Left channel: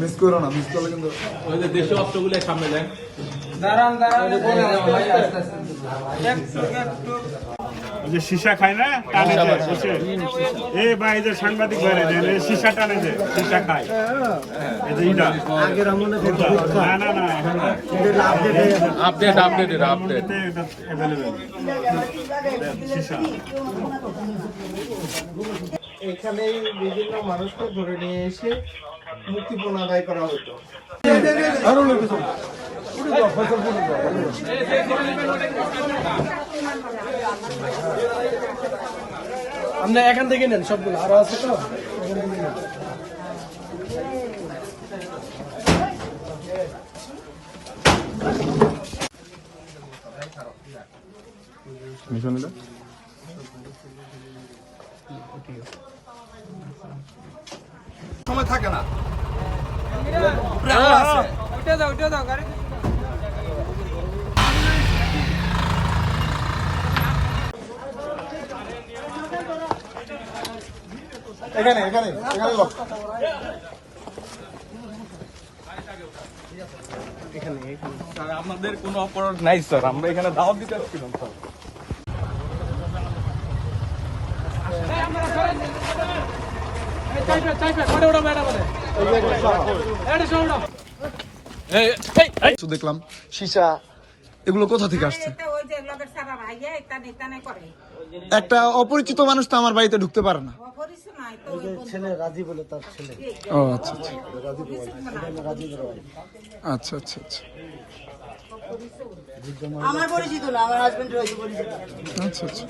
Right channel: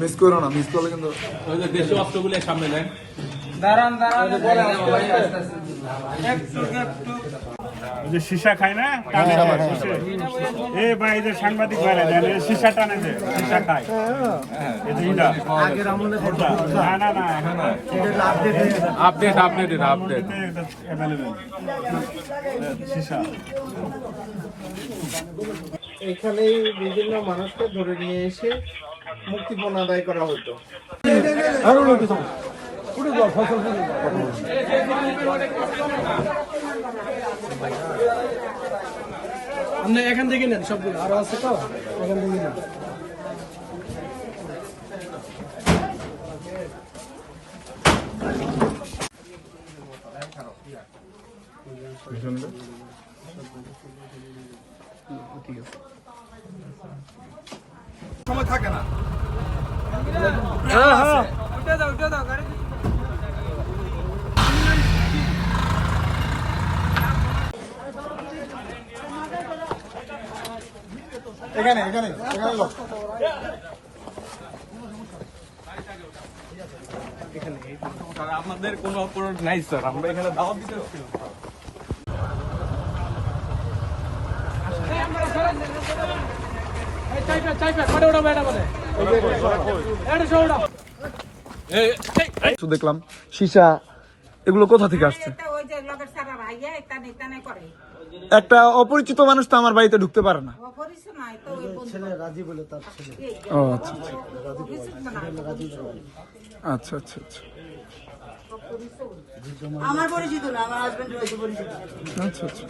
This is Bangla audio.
মিস করো না, মিস করলে কিন্তু ওই যে দেশীয় অস্ত্রগুলো সামনে নেন। দাঁড়ান বলে যাবো ভাই, আস্তে আস্তে একটু ওই যে সীসা খায় না, টানে যায় বসে। এ ভাই যে সাংবাদিক বাইরে দেন, সীসা টানে যায়, সীসা খায়। এই যে ইটা না না না, আপডেট আপডেট এটা অ্যাভেলেবেল সীসা। এখানে বিভিন্ন মানুষকে ধরে নিয়ে এসে মুক্তিপণ আদায় করা হতো। আপনি এখান থেকে নেন সবগুলো, আরো আছে তো এখান থেকে নেন। সময় থাকে না। উঠে দাও গাড়ি। এখানে এখানে এখানে লোক আমাদের কোনো অপরাধ নাই স্যার, আমরা এখানে দাওয়াত দিতে আসছিলাম। দেখলাম সীসা এগুলো কোথা থেকে আসছে? একটা অপরিচিত মানুষ তো আমার বাড়িতে ঢুকতে পারে না। ও আচ্ছা আচ্ছা আচ্ছা আচ্ছা আমার পরিচিত না, আমার হাজবেন্ড রয়েছে পরিচিত। আচ্ছা আচ্ছা